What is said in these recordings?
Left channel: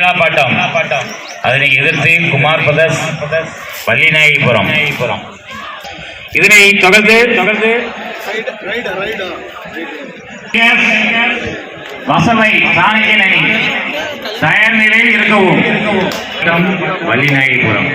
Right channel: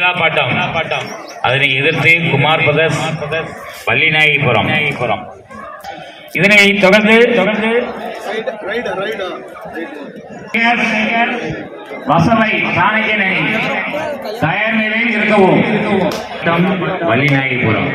கீழாப்பாட்டம் அதனை எதிர்த்து குமார் பிரதர்ஸ் வள்ளிநாயகிபுரம். இதனை தொடர்ந்து வசவை சாணக்கியன் அணி தயார் நிலையில் இருக்கவும். வள்ளிநாயகிபுரம்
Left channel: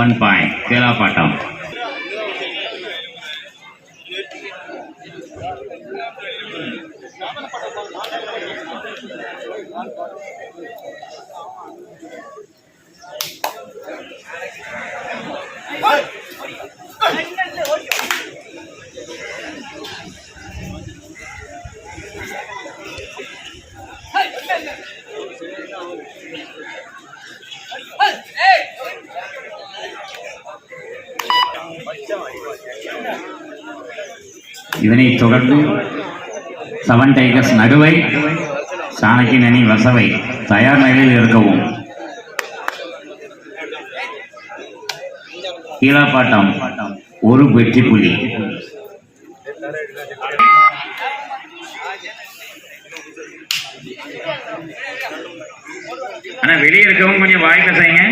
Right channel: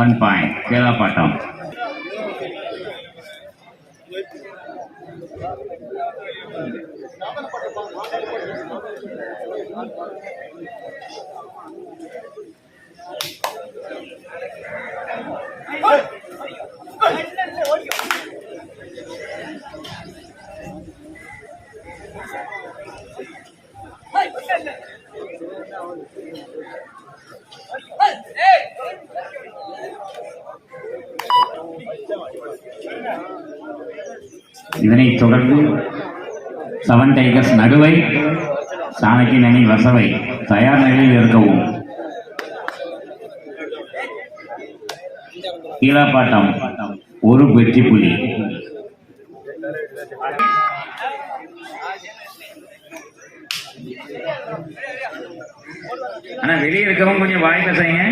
one point கீழாப்பாட்டம். இதனை தொடர்ந்து 7 டைகர்ஸ் நடுவை சாணக்கியன் அணி வசவை தயார் நிலையில் இருக்கவும். கீழாப்பாட்டம் ஒரு வெற்றி புள்ளி. ஆனா வெளியே இருக்கவும் கொஞ்சம் வாய்ப்பை செய்யுங்க.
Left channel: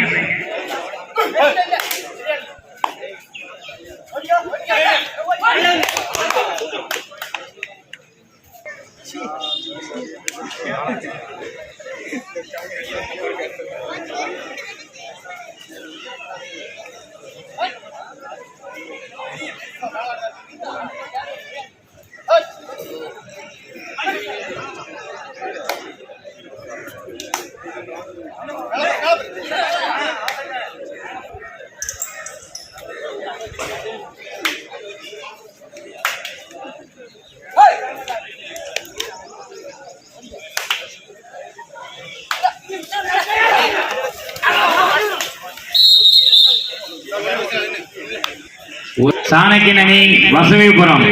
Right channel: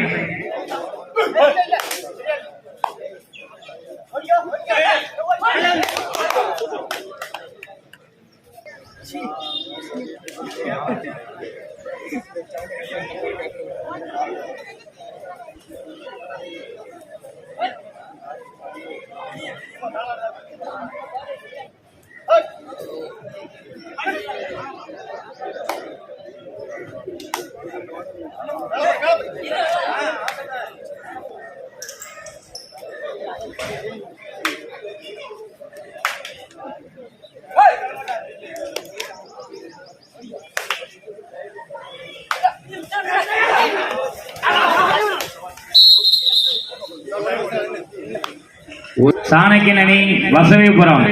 சாணக்கியன் அணி வசவிபுரம்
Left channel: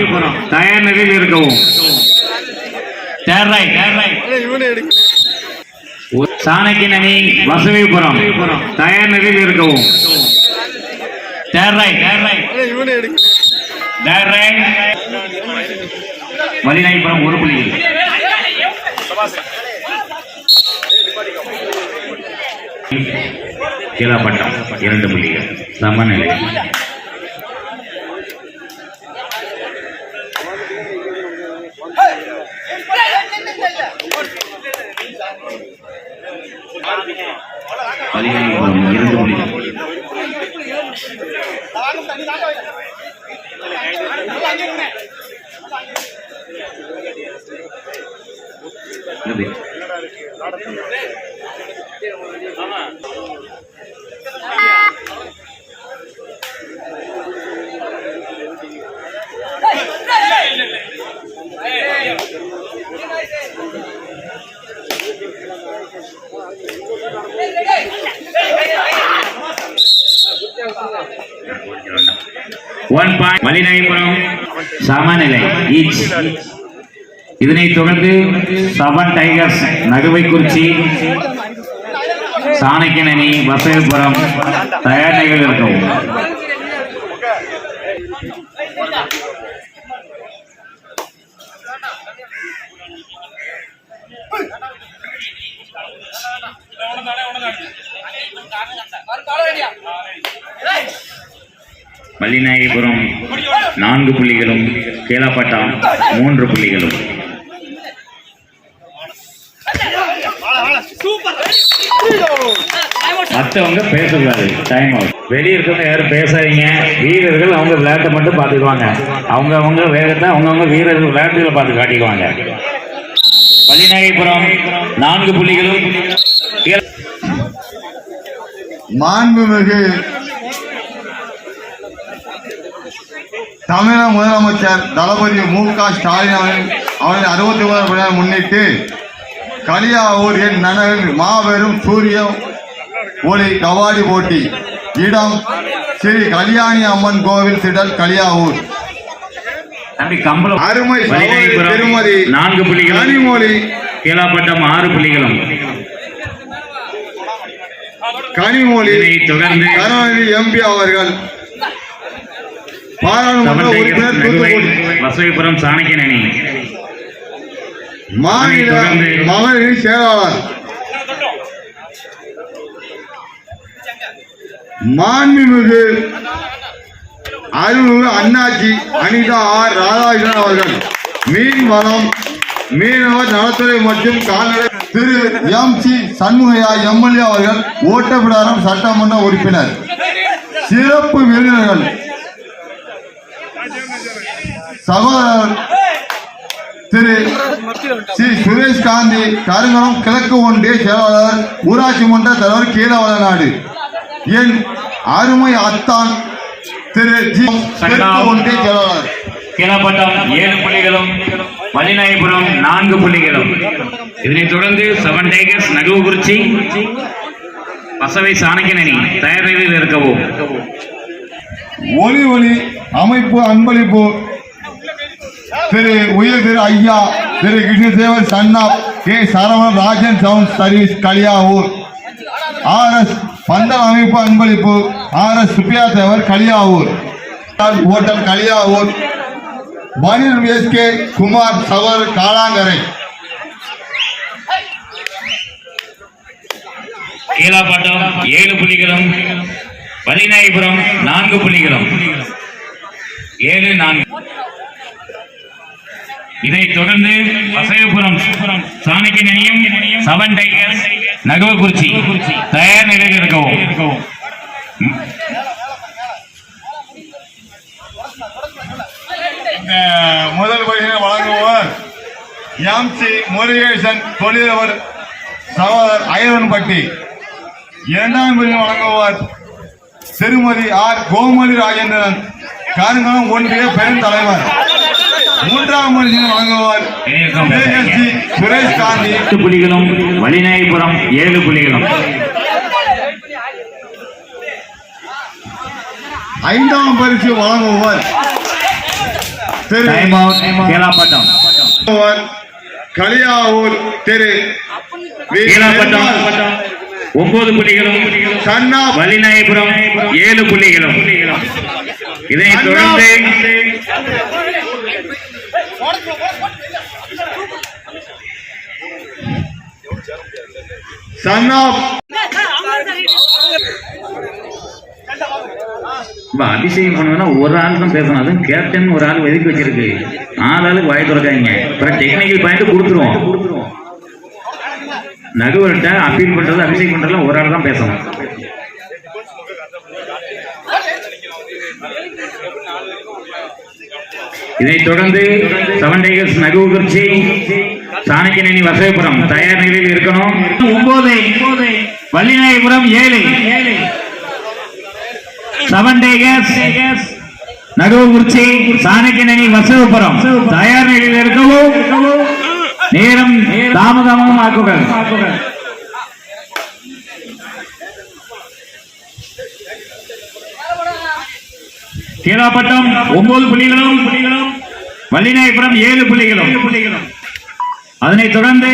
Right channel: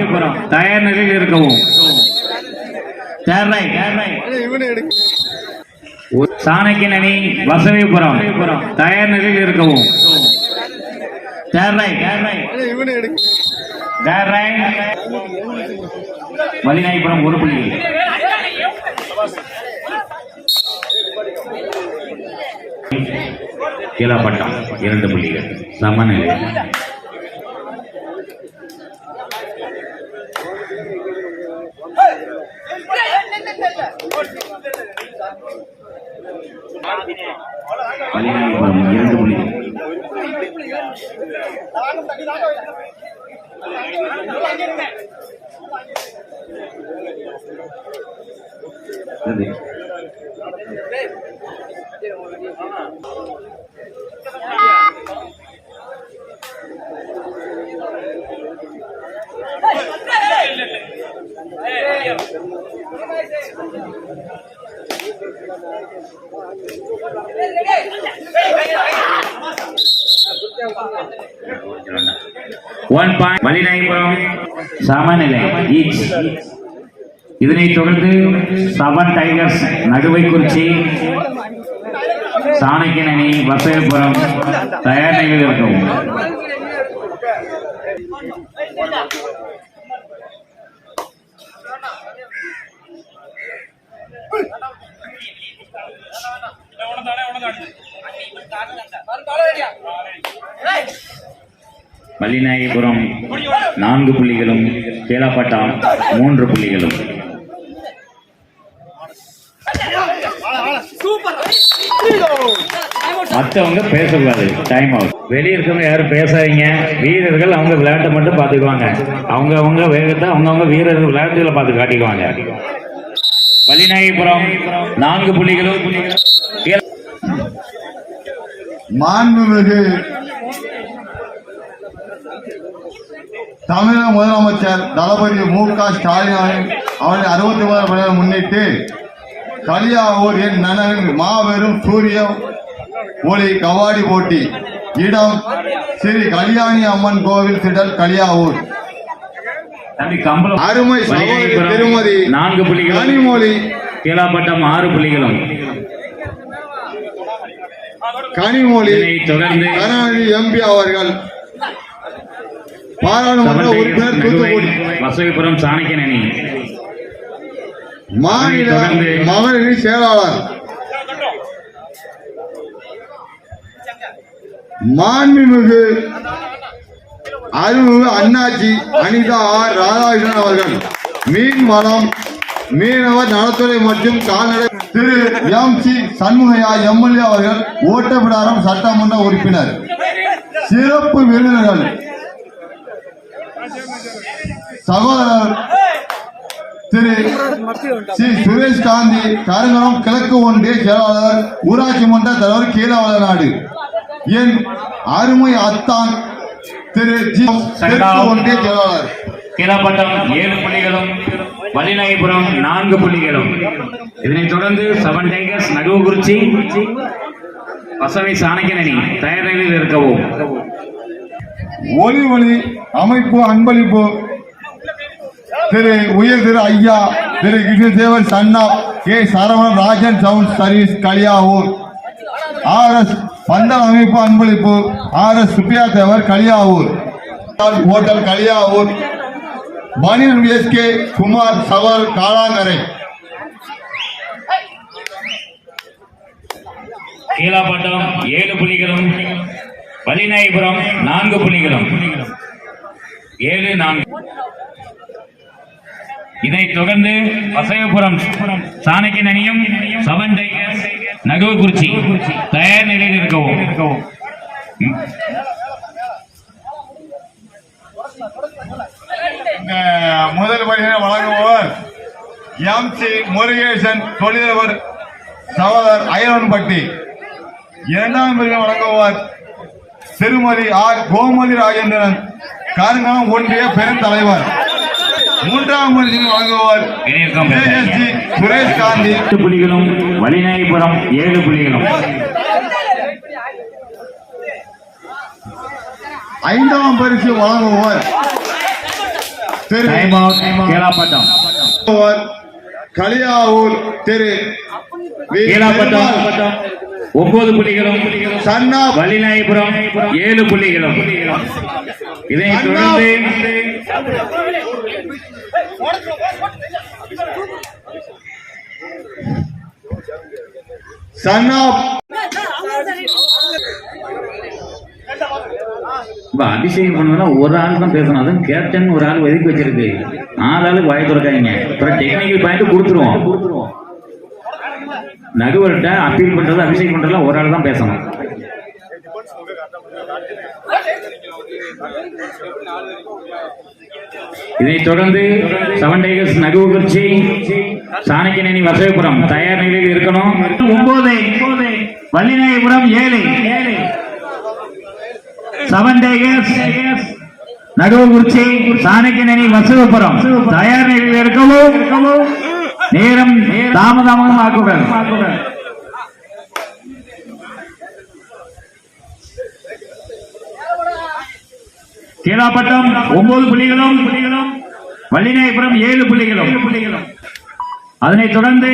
தயார் நிலையில் இருக்கவும். சாணக்கியன் அணி வசவிபுரம் தயார் நிலையில் இருக்கவும். வள்ளிநாயகிபுரம் ஒரு புள்ளி. கீழாப்பாட்டம் 2 புள்ளிகள் சமநிலை. வள்ளிநாயகிபுரம் 2 புள்ளிகள். One point வள்ளிநாயகிபுரம் சமநிலை. இதனை தொடர்ந்து 7 டைகர்ஸ் நடுவை குறிச்சி சாணக்கியன் அணி வசவிபுரம் தயார் நிலையில் இருக்கும். வள்ளிநாயகிபுரம் 4 புள்ளிகளும் கீழாப்பாட்டம் 3 புள்ளிகளும். மற்றவங்க பேசக்கூடாது, டைம் அவுட். வெளியே இருக்கவங்க யாரும் பேசாதீங்க. வீரர்கள் அவங்க விளையாட்டை மட்டும் பார்த்துக்குவாங்க. அவங்க வேகத்தை அவங்கவுங்க வீரர்கள் விளையாட்டுகளை பார்த்து காட்டிக்குவாங்க. வள்ளிநாயகபுரம் 4 புள்ளிகளும். மாண்புமிகு தமிழக முதலமைச்சர் தளபதி மு.க. ஸ்டாலின் அவர்கள் 61 முன்னிட்டு களியாவூர் என் நகரில் மாபெரும் சூரிய ஒளி கபாடி போட்டி. இடம் ஸ்ரீ கல்யாணி அம்மன் கோவில் திடல் களியாவூர். அருமை திருமதி 4 புள்ளிகளும். கனிமொழி கீழாப்பட்டம் 6 புள்ளிகளும். கனிமொழி தொடர்ந்து கருணாநிதி எம்பி அவர்கள் பாராளுமன்ற உறுப்பினர் தூத்துக்குடி வசவிபுரம் சாணக்கியன் அணி. மாநில மகளிர் செயலாளர் மாண்புமிகு அருள்மிகு அண்ணாச்சி அனிதா ஆர் ராதாகிருஷ்ணன் அவர்கள் மீன்வளம் மீனவர் நலத்துறை மற்றும் கால்நடை திரு எம்.சி. சண்முகையா எம்எல்ஏ அவர்கள் ஓட்டப்பிடாரம் சட்டமன்ற உறுப்பினர். சிறப்பு விருந்தினர்கள் சகோதரர் திரு சி. சுரேஷ் காந்தி கருங்கலம் கிழக்கு ஒன்றிய செயலாளர் ஊராட்சி மன்ற தலைவர் கீழவளநாடு. என் அருமை அத்தான் திரு ஜி. ஒன்றிய செயலாளர். கீழப்பட்டம் 7 புள்ளிகளும். வள்ளிநாயகபுரம் 4 புள்ளிகளும். இதனைத் தொடர்ந்து 7 டைகர்ஸ் நடுவுக்குறிச்சி பசவை சாணக்கியன் அணி தயார் நிலையில் இருக்கவும். ஒலி ஒளி அமைப்பு அன்பளிப்பு திரு உயர் திரு ஐயா திரு கிருஷ்ணதேவர் சன்னா K. Saravanan Rajan sound service Kaliyavur. RS பந்தல் அமைப்பு அன்பளிப்பு RS Subbiah Devar Kaliyavur. Hotel Kaliyavur. Manir SK Kumar சவர் காளாங்கரை. கீழாப்பட்டம் 7 புள்ளிகளும். வள்ளிநாயகபுரம் 4 புள்ளிகளும். 7-4. இதைத் தொடர்ந்து வசையபுரம் சாணக்கியன் அணியும் 7 டைகர்ஸ் நடுவுக்குறிச்சி தயார் நிலையில் இருக்கவும். முதல் பரிசனை வழங்குபவர் எம்.சி. முருகேசன் தொழிலவர் சகோதரர் ஐயன்பட்டி. 2ஆம் பரிசனை வழங்குபவர் திருமதி ஆர். கோமதி ராஜேந்திரன் காரங்குளம் ஒன்றிய பெருந்தலைவர். 3ஆம் பரிசனை வழங்குபவர் சுரேஷ் காந்தி. 8 புள்ளிகளும். வள்ளிநாயகபுரம் 7 புள்ளிகளும். 5ஆம் பரிசு வழங்குபவர் கீழாப்பட்டம் களியாவூர் திரு கீழாப்பட்டம் 9 புள்ளிகளும். சன்னா வள்ளிநாயகபுரம் 7 புள்ளிகளும். இதைத் தொடர்ந்து சன்னா அதிசயம் பண்ணுவதுன்னா ஒரு ஆள் தான் பேசணும். அதுவும் கேப்டன் ஒரு ஆள் ஒதுக்கி வச்சிருக்கு. 4 ஆளுக்கு வாய் திறக்காங்க. அப்புறம் டெக்னிக்கல் பாயிண்ட் கொடுத்துருவோம். நடுவர்கிட்ட அப்பீல் பண்றது அபிஷேக் பண்றதுலாம் ஒரு ஆள் தான் பேசணும். இதைத் தொடர்ந்து 7 டைகர்ஸ் நடுவுக்குறிச்சி சாணக்கியன் அணி வசவிபுரம் தயார் நிலையில் இருக்கணும். 9 வள்ளிநாயகபுரம் 7 7 டைகர்ஸ் நடுவுக்குறிச்சி சாணக்கியன் அணி வசவிபுரம் தயார் நிலையில் இருக்கவும். நேரம் தாமதமாக ஆக்குங்கள். கீழாப்பட்டம் 9 புள்ளிகளும். வள்ளிநாயகபுரம் 7 புள்ளிகளும். அதனைத் தொடர்ந்து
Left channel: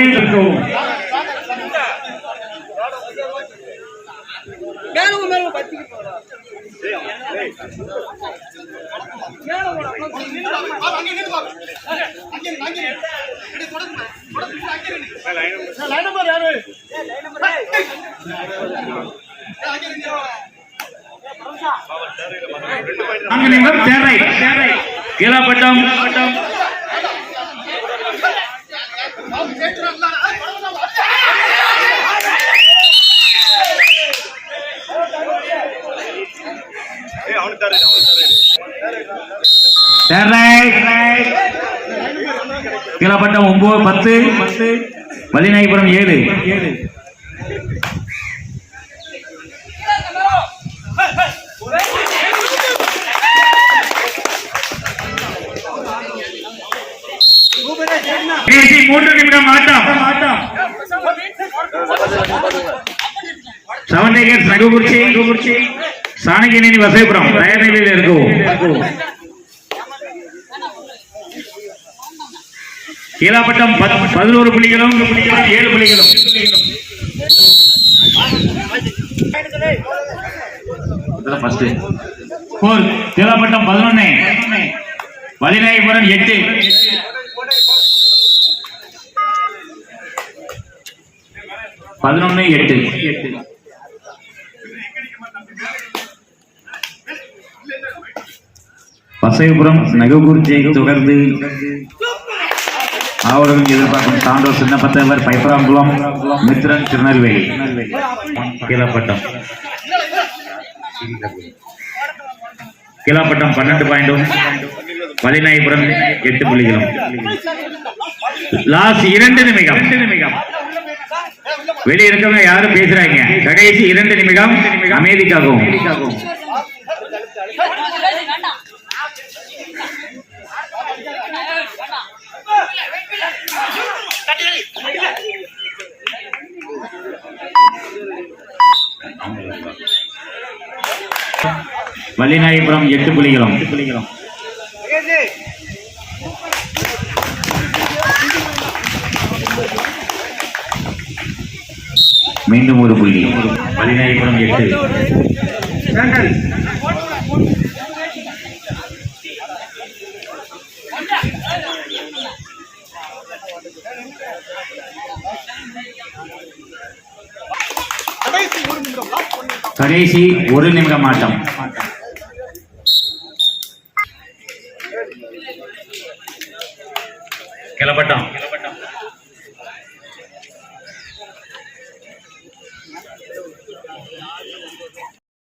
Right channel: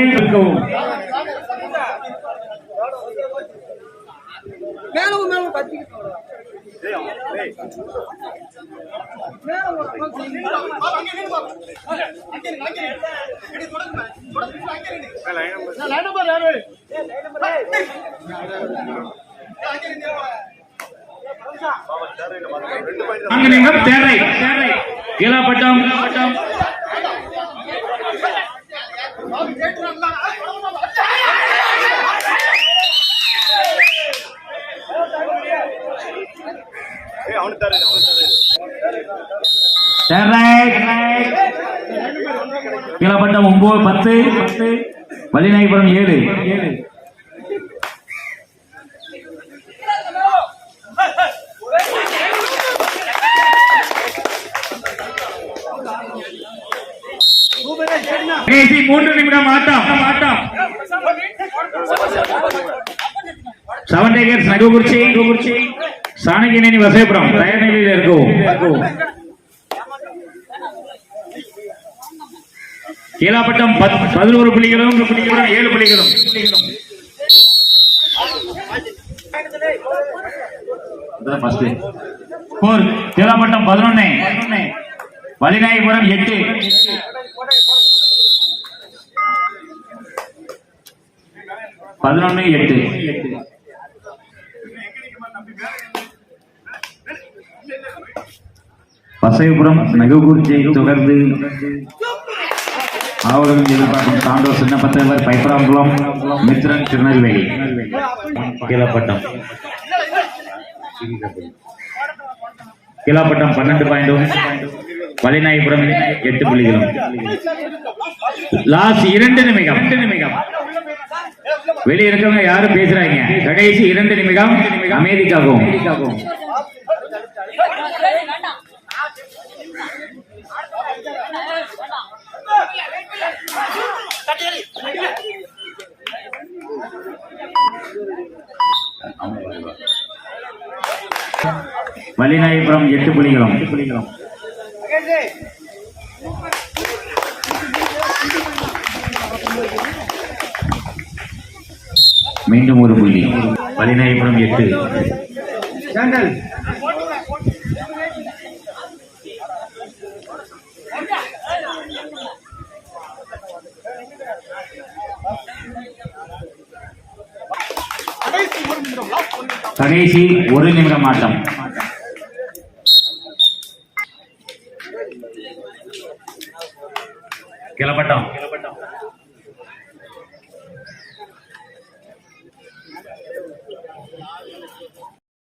கீழாப்பட்டம் கீழப்பட்டம் 9 10 வள்ளிநாயகபுரம் 7. கடைசி 3 நிமிடம் ஆட்டம். 7 டைகர்ஸ் நகுகுறிச்சி சாணகியனி வசைபுரம் தயார் நிலையில் இருக்கும். கீழப்பட்டம் 11 புள்ளிகளும் 7 புள்ளிகளும். கீழப்பட்டம் 11 வள்ளிநாயகபுரம் 8. பசைபுரம் நகுகுறிச்சியை தொடர்ந்து ஆவலுடன் எதிர்பார்க்கும் சான்றோர் சின்னப்பத்தவர் பைப்பராங்குளம் மித்ரன் திருநெல்வேலி. கீழப்பட்டம் 12 பாயிண்டும் வள்ளிநாயகபுரம் 8 புள்ளிகளும். லாஸ்ட் 2 நிமிடம். வெளியே இருக்கவங்க யாரும் பேசுறாங்க. கடைசி 2 நிமிடம் அமைதிக்காகவும். வள்ளிநாயகபுரம் 8 புள்ளிகளும். மீண்டும் ஒரு புள்ளி. வள்ளிநாயகபுரம் 8. கடைசி 1 நிமிடம் ஆட்டம். கீழப்பட்டம்